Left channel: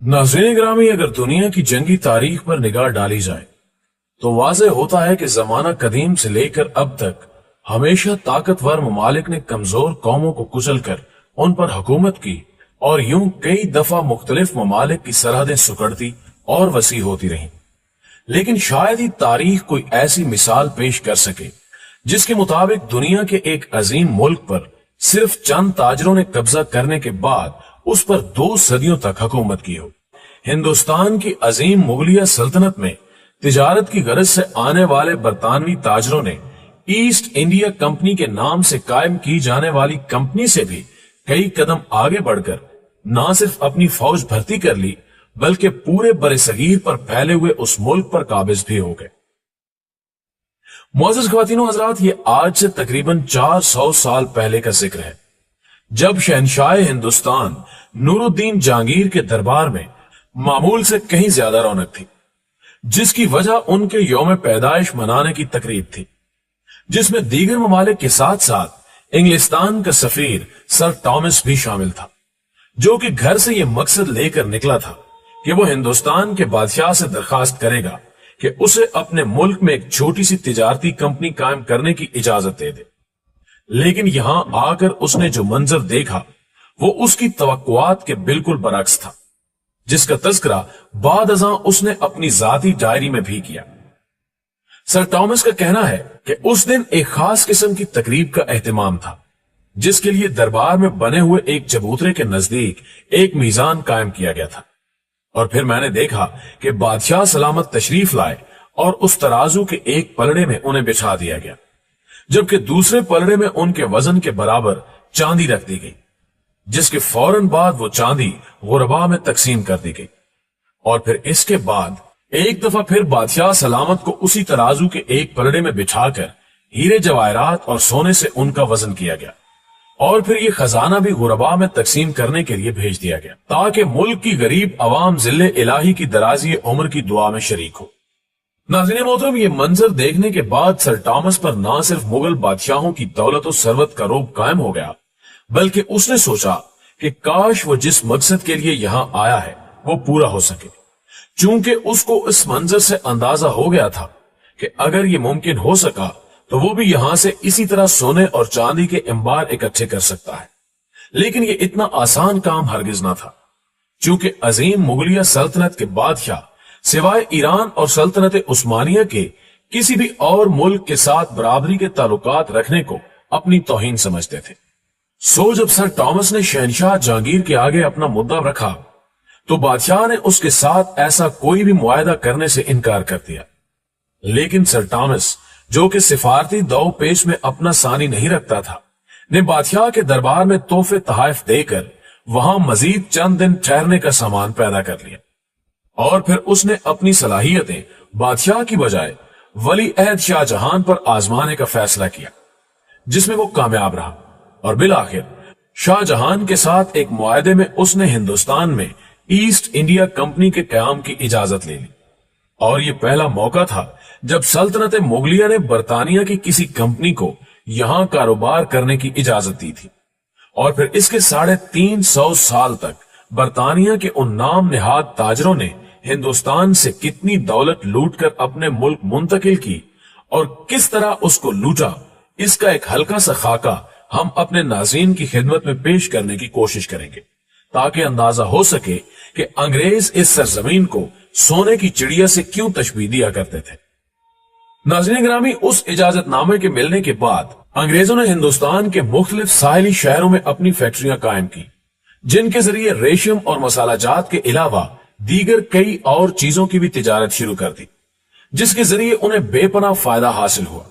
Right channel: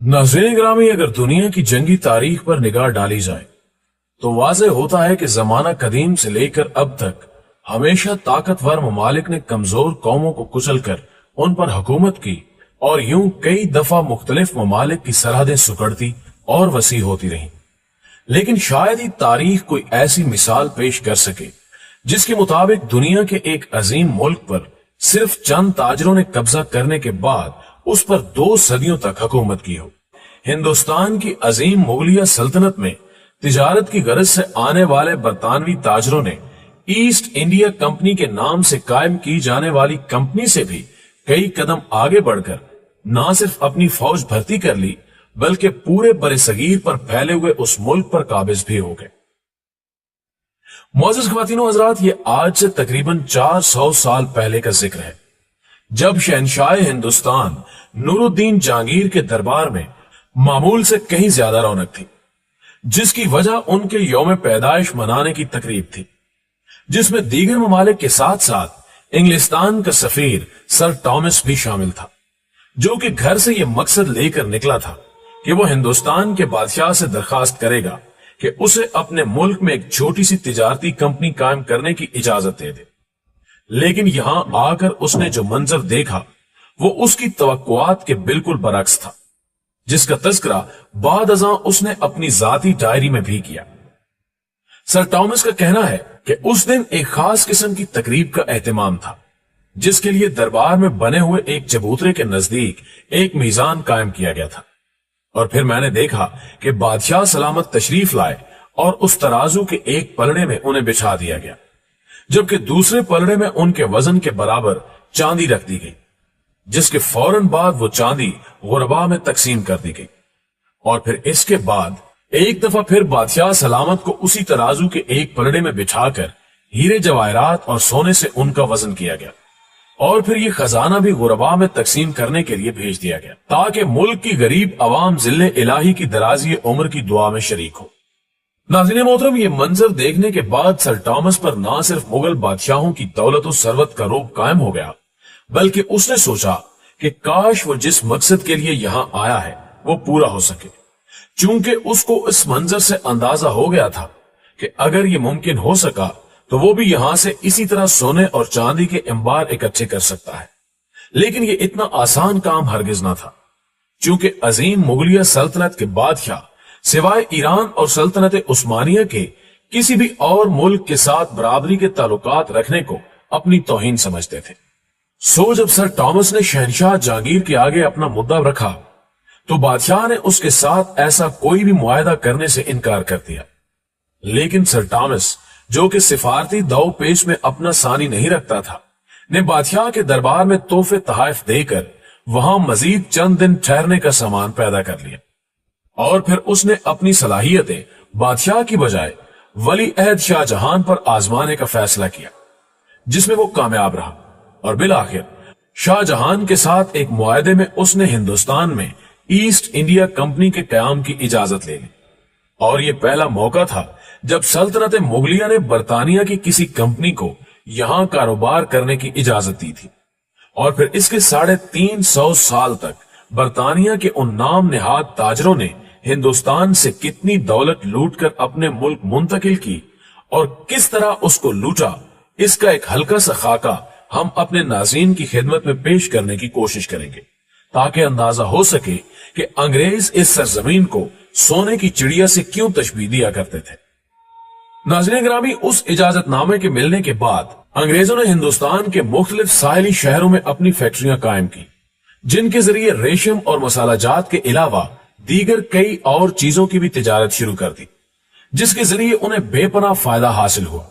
नाज़रीन ग्रामी, अगर दुनिया की जंगी तारीख पर निगाह डाली जाए तो वाज़ेह होता है कि जमाना कदीम से लेकर अब तक हमेशा ताकतवर ममालिक ने कमजोर कौमों को कुचलकर उन पर हुकूमत की और यूं कई दफा मुख्तलिफ ममालिक की सरहदें सुकड़ती और वसी होती रहीं। लेकिन शायद ही तारीख कोई ऐसी मिसाल पेश कर सके जिसके मुताबिक दुनिया के एक अजीम मुल्क पर सिर्फ चंद ताजरों ने कब्जा करने के बाद उस पर 2 सदियों तक हुकूमत की हो। हिंदुस्तान की अजीम मुगलिया सल्तनत में तिजारत की गरज से आने वाले बरतानवी ताजरों ने ईस्ट इंडिया कंपनी के नाम से कायम की जाने वाली कंपनी से भी कई कदम आगे बढ़कर न सिर्फ अपनी फौज भर्ती कर ली बल्कि पूरे बरसगीर पर फैले हुए उस मुल्क पर काबिज भी हो गए। मोअज़्ज़िज़ ख़वातीनो हज़रात, ये आज से तकरीबन 400 साल पहले का जिक्र है, जब शहनशाह हिंदुस्तान नूरुद्दीन जहांगीर के दरबार में मामूल से कहीं ज्यादा रौनक थी, जिसकी वजह उनके यौम पैदाइश मनाने की तकरीब थी, जिसमें दीगर ममालिक के साथ साथ इंग्लिस्तान का सफीर सर टॉमस भी शामिल था, जो कि घर से यह मकसद लेकर निकला था कि वो हिंदुस्तान के बादशाह से दरखास्त करेगा कि उसे अपने मुल्क में एक छोटी सी तिजारती कंपनी कायम करने की इजाजत दे दे। लेकिन यहां आकर उसने जो मंजर देखा वो उसकी तवक्कुआत के बिल्कुल बरअक्स था, जिसका तज़किरा बाद अज़ां उसने अपनी जाती डायरी में भी किया। सर टॉमस का कहना है कि उस दिन एक खास किस्म की तकरीब का एहतमाम था, जिसके लिए दरबार में बने हुए एक चबूतरे के नजदीक एक मीजान कायम किया गया था। और फिर मैंने देखा कि बादशाह सलामत तशरीफ लाए और उस तराजू के एक पलड़े में उन्हें बिछा दिया गया, जबकि दूसरे पलड़े में उनके वजन के बराबर चांदी रख दी गई, जिसके फौरन बाद वो चांदी गुरबा में तकसीम कर दी गई। और फिर इसके बाद एक दफा फिर बादशाह सलामत को उसी तराजू के एक पलड़े में बिछाकर हीरे जवाहरात और सोने से उनका वजन किया गया, और फिर ये खजाना भी गुरबा में तकसीम करने के लिए भेज दिया गया, ताकि मुल्क की गरीब अवाम जिल्ले इलाही की दराजी उम्र की दुआ में शरीक हो। नाज़रीन मोहतरम, ये मंजर देखने के बाद सर टॉमस पर न सिर्फ मुगल बादशाहों की दौलत और सरवत का रोब कायम हो गया, बल्कि उसने सोचा कि काश वो जिस मकसद के लिए यहाँ आया है वो पूरा हो सके, चूंकि उसको इस मंजर से अंदाजा हो गया था कि अगर ये मुमकिन हो सका तो वो भी यहां से इसी तरह सोने और चांदी के अंबार इकट्ठे कर सकता है। लेकिन ये इतना आसान काम हरगिज ना था, चूंकि अजीम मुगलिया सल्तनत के बादशाह सिवाय ईरान और सल्तनत उस्मानिया के किसी भी और मुल्क के साथ बराबरी के ताल्लुकात रखने को अपनी तौहीन समझते थे। सो जब सर टॉमस ने शहनशाह जहांगीर के आगे अपना मुद्दा रखा तो बादशाह ने उसके साथ ऐसा कोई भी मुआहदा करने से इनकार कर दिया। लेकिन सर टॉमस, जो कि सिफारती दौ पेश में अपना सानी नहीं रखता था, ने बादशाह के दरबार में तोहफे तहाइफ देकर वहां मजीद चंद दिन ठहरने का सामान पैदा कर लिया, और फिर उसने अपनी सलाहियतें बादशाह की बजाय वली अहद शाहजहां पर आजमाने का फैसला किया, जिसमें वो कामयाब रहा। और बिल आखिर शाहजहां के साथ एक मुआहदे में उसने हिंदुस्तान में ईस्ट इंडिया कंपनी के कयाम की इजाजत ले ली। और ये पहला मौका था जब सल्तनत मुगलिया ने बरतानिया की किसी कंपनी को यहां कारोबार करने की इजाजत दी थी। और फिर इसके 350 साल तक बरतानिया के उन नाम निहाद ताजरों ने हिंदुस्तान से कितनी दौलत लूटकर अपने मुल्क मुंतकिल की और किस तरह उसको लूटा, इसका एक हल्का सा खाका हम अपने नाज़रीन की खिदमत में पेश करने की कोशिश करेंगे, ताकि अंदाजा हो सके कि अंग्रेज इस सरजमीन को सोने की चिड़िया से क्यों तशबीह दिया करते थे। नाज़रीन ग्रामी, उस इजाजतनामे के मिलने के बाद अंग्रेजों ने हिंदुस्तान के मुख्तलिफ साहिली शहरों में अपनी फैक्ट्रियां कायम की, जिनके जरिए रेशम और मसाला जात के अलावा दीगर कई और चीजों की भी तिजारत शुरू कर दी, जिसके जरिए उन्हें बेपनाह फायदा हासिल हुआ।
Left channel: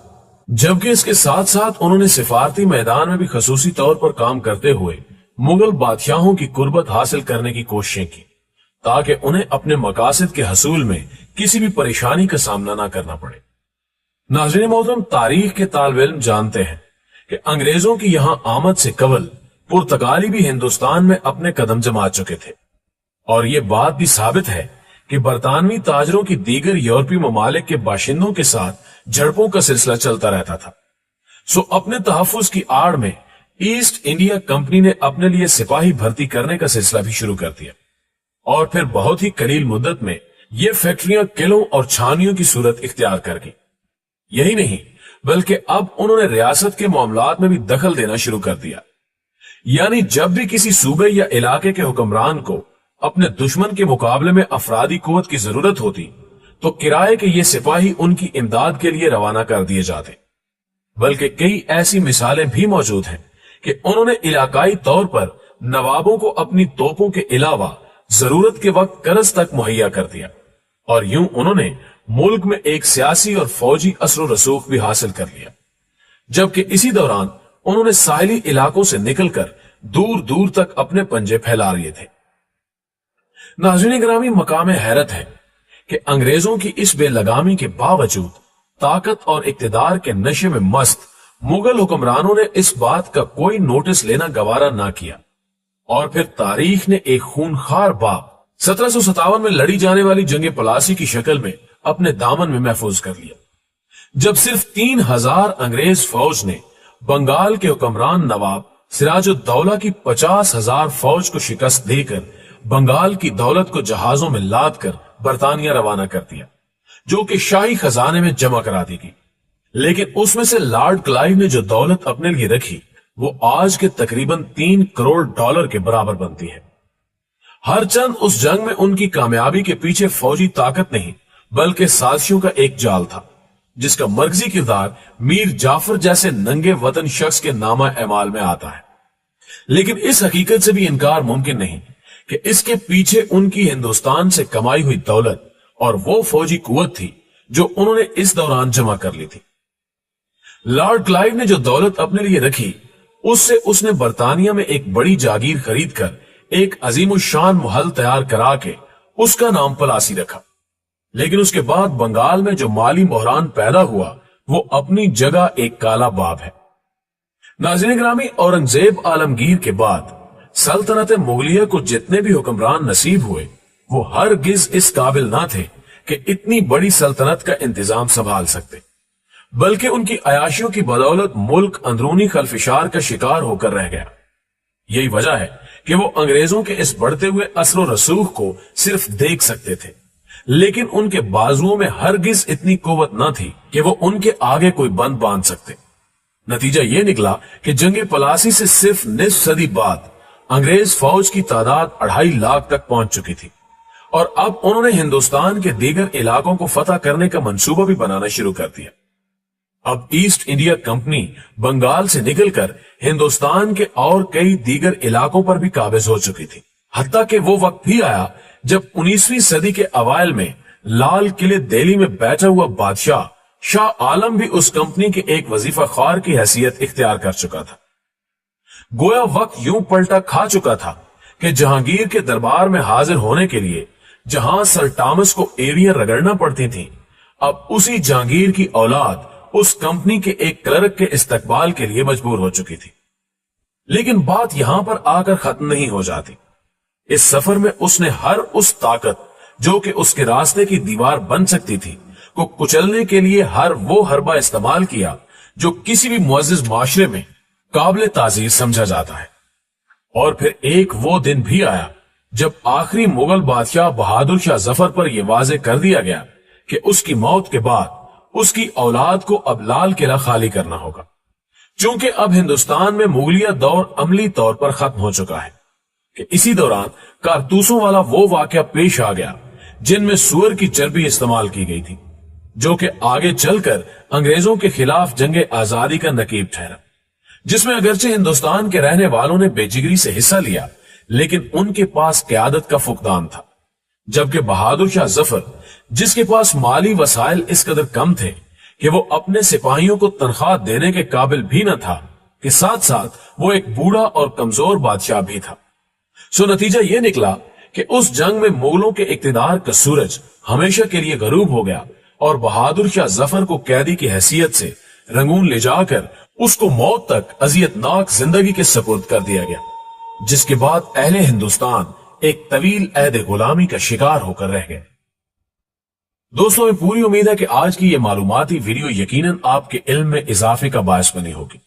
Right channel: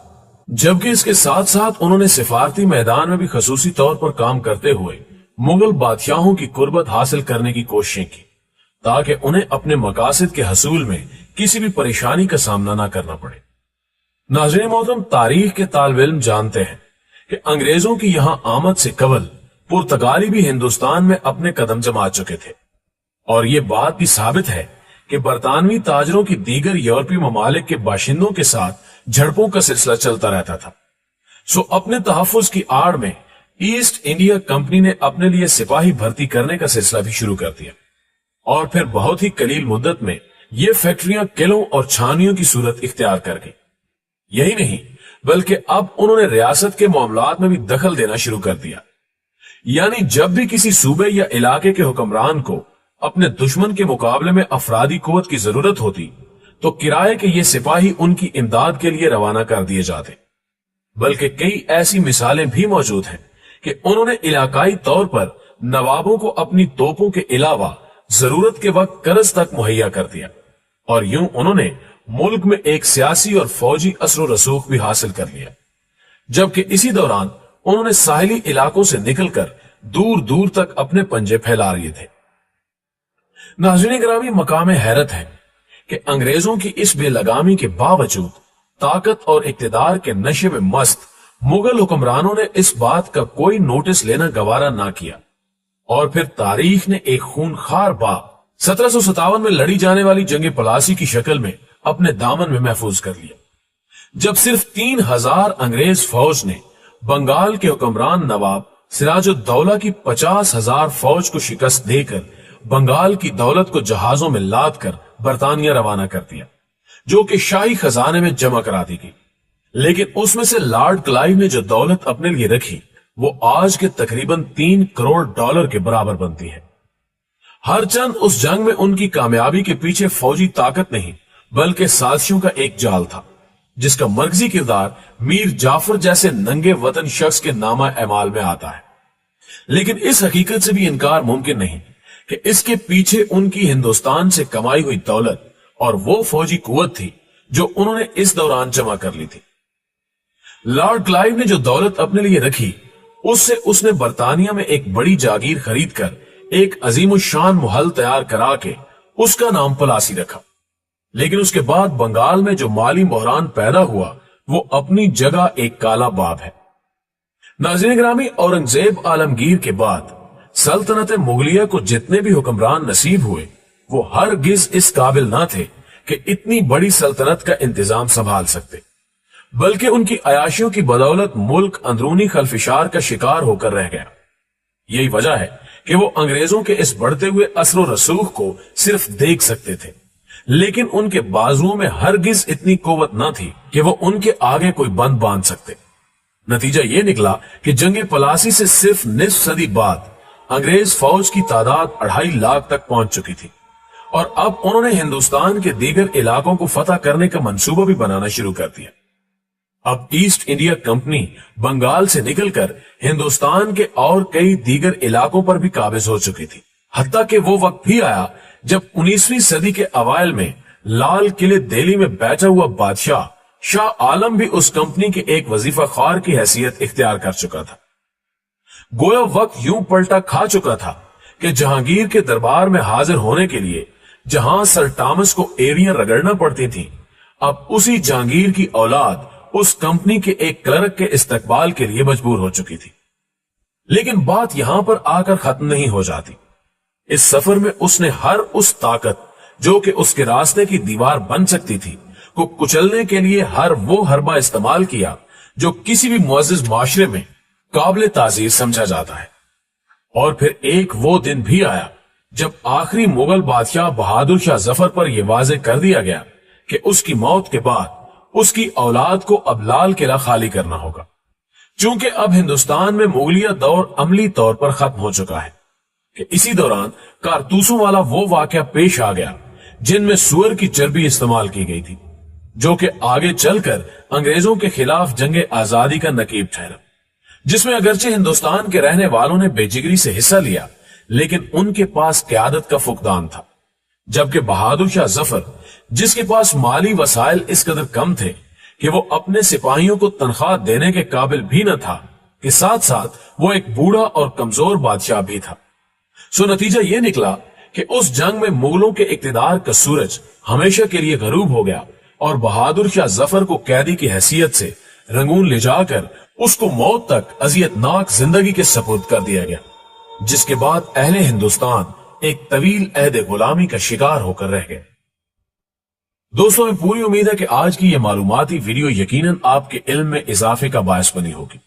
जबकि इसके साथ साथ उन्होंने सिफारती मैदान में भी खसूसी तौर पर काम करते हुए मुगल बादशाहों की कुर्बत हासिल करने की कोशिशें की, ताकि उन्हें अपने मकासद के हसूल में किसी भी परेशानी का सामना न करना पड़े। नाज़रीन मोहतरम, तारीख के तालिब इल्म जानते हैं कि अंग्रेजों की यहां आमद से कबल पुर्तगाली भी हिंदुस्तान में अपने कदम जमा चुके थे, और ये बात भी साबित है कि बरतानवी ताजरों की दीगर यूरोपीय ममालिक के बाशिंदों के साथ झड़पों का सिलसिला चलता रहता था। सो अपने तहफ्फुज की आड़ में ईस्ट इंडिया कंपनी ने अपने लिए सिपाही भर्ती करने का सिलसिला भी शुरू कर दिया, اور پھر بہت ہی قلیل مدت میں یہ فیکٹریاں قلعوں اور چھانیوں کی صورت اختیار کر گئی۔ یہی نہیں بلکہ اب انہوں نے ریاست کے معاملات میں بھی دخل دینا شروع کر دیا، یعنی جب بھی کسی صوبے یا علاقے کے حکمران کو اپنے دشمن کے مقابلے میں افرادی قوت کی ضرورت ہوتی تو کرائے کے یہ سپاہی ان کی امداد کے لیے روانہ کر دیے جاتے۔ بلکہ کئی ایسی مثالیں بھی موجود ہیں کہ انہوں نے علاقائی طور پر نوابوں کو اپنی توپوں کے علاوہ ضرورت کے وقت قرض تک مہیا کر دیا، اور یوں انہوں نے ملک میں ایک سیاسی اور فوجی اثر و رسوخ بھی حاصل کر لیا، جبکہ اسی دوران انہوں نے ساحلی علاقوں سے نکل کر دور دور تک اپنے پنجے پھیلا لیے تھے۔ ناظرین گرامی، مقام حیرت ہے کہ انگریزوں کی اس بے لگامی کے باوجود طاقت اور اقتدار کے نشے میں مست مغل حکمرانوں نے اس بات کا کوئی نوٹس لینا گوارا نہ کیا، اور پھر تاریخ نے ایک خونخوار باب 1757 میں لڑی جانے والی جنگ پلاسی کی شکل میں اپنے دامن میں محفوظ کر لیا، جب صرف 3000 انگریز فوج نے بنگال کے حکمران نواب سراج الدولہ کی 50,000 فوج کو شکست دے کر بنگال کی دولت کو جہازوں میں لاد کر برطانیہ روانہ کر دیا، جو کہ شاہی خزانے میں جمع کرا دی گئی۔ لیکن اس میں سے لارڈ کلائیو نے جو دولت اپنے لیے رکھی وہ آج کے تقریباً 3 کروڑ ڈالر کے برابر بنتی ہے۔ ہر چند اس جنگ میں ان کی کامیابی کے پیچھے فوجی طاقت نہیں بلکہ سازشوں کا ایک جال تھا، جس کا مرکزی کردار میر جعفر جیسے ننگے وطن شخص کے نامہ اعمال میں آتا ہے۔ لیکن اس حقیقت سے بھی انکار ممکن نہیں کہ اس کے پیچھے ان کی ہندوستان سے کمائی ہوئی دولت اور وہ فوجی قوت تھی جو انہوں نے اس دوران جمع کر لی تھی۔ لارڈ کلائیو نے جو دولت اپنے لیے رکھی اس سے اس نے برطانیہ میں ایک بڑی جاگیر خرید کر ایک عظیم الشان محل تیار کرا کے اس کا نام پلاسی رکھا۔ لیکن اس کے بعد بنگال میں جو مالی بحران پیدا ہوا وہ اپنی جگہ ایک کالا باب ہے۔ ناظرین گرامی، اورنگزیب عالمگیر کے بعد سلطنت مغلیہ کو جتنے بھی حکمران نصیب ہوئے وہ ہرگز اس قابل نہ تھے کہ اتنی بڑی سلطنت کا انتظام سنبھال سکتے، بلکہ ان کی عیاشیوں کی بدولت ملک اندرونی خلفشار کا شکار ہو کر رہ گیا۔ یہی وجہ ہے کہ وہ انگریزوں کے اس بڑھتے ہوئے اثر و رسوخ کو صرف دیکھ سکتے تھے، لیکن ان کے بازوؤں میں ہرگز اتنی قوت نہ تھی کہ وہ ان کے آگے کوئی بند باندھ سکتے۔ نتیجہ یہ نکلا کہ جنگ پلاسی سے صرف نصف صدی بعد انگریز فوج کی تعداد 2.5 لاکھ تک پہنچ چکی تھی، اور اب انہوں نے ہندوستان کے دیگر علاقوں کو فتح کرنے کا منصوبہ بھی بنانا شروع کر دیا۔ اب ایسٹ انڈیا کمپنی بنگال سے نکل کر ہندوستان کے اور کئی دیگر علاقوں پر بھی قابض ہو چکی تھی، حتیٰ کہ وہ وقت بھی آیا جب 19ویں صدی کے اوائل میں لال قلعے دہلی میں بیٹھا ہوا بادشاہ شاہ عالم بھی اس کمپنی کے ایک وظیفہ خوار کی حیثیت اختیار کر چکا تھا۔ گویا وقت یوں پلٹا کھا چکا تھا کہ جہانگیر کے دربار میں حاضر ہونے کے لیے جہاں سر ٹامس کو ایریاں رگڑنا پڑتی تھی، اب اسی جہانگیر کی اولاد اس کمپنی کے ایک کلرک کے استقبال کے لیے مجبور ہو چکی تھی۔ لیکن بات یہاں پر آ کر ختم نہیں ہو جاتی۔ اس سفر میں اس نے ہر اس طاقت جو کہ اس کے راستے کی دیوار بن سکتی تھی کو کچلنے کے لیے ہر وہ حربہ استعمال کیا جو کسی بھی معزز معاشرے میں قابل تعزیر سمجھا جاتا ہے۔ اور پھر ایک وہ دن بھی آیا جب آخری مغل بادشاہ بہادر شاہ ظفر پر یہ واضح کر دیا گیا کہ اس کی موت کے بعد اس کی اولاد کو اب لال قلعہ خالی کرنا ہوگا، چونکہ اب ہندوستان میں مغلیہ دور عملی طور پر ختم ہو چکا ہے۔ کہ اسی دوران کارتوسوں والا وہ واقعہ پیش آ گیا جن میں سور کی چربی استعمال کی گئی تھی، جو کہ آگے چل کر انگریزوں کے خلاف جنگ آزادی کا نقیب ٹھہرا، جس میں اگرچہ ہندوستان کے رہنے والوں نے بے جگری سے حصہ لیا لیکن ان کے پاس قیادت کا فقدان تھا، جبکہ بہادر شاہ ظفر جس کے پاس مالی وسائل اس قدر کم تھے کہ وہ اپنے سپاہیوں کو تنخواہ دینے کے قابل بھی نہ تھا، کہ ساتھ ساتھ وہ ایک بوڑھا اور کمزور بادشاہ بھی تھا۔ سو نتیجہ یہ نکلا کہ اس جنگ میں مغلوں کے اقتدار کا سورج ہمیشہ کے لیے غروب ہو گیا اور بہادر شاہ ظفر کو قیدی کی حیثیت سے رنگون لے جا کر اس کو موت تک اذیت ناک زندگی کے سپرد کر دیا گیا، جس کے بعد اہل ہندوستان ایک طویل عہد غلامی کا شکار ہو کر رہ گئے۔ دوستوں، پوری امید ہے کہ آج کی یہ معلوماتی ویڈیو یقیناً آپ کے علم میں اضافے کا باعث بنی ہوگی۔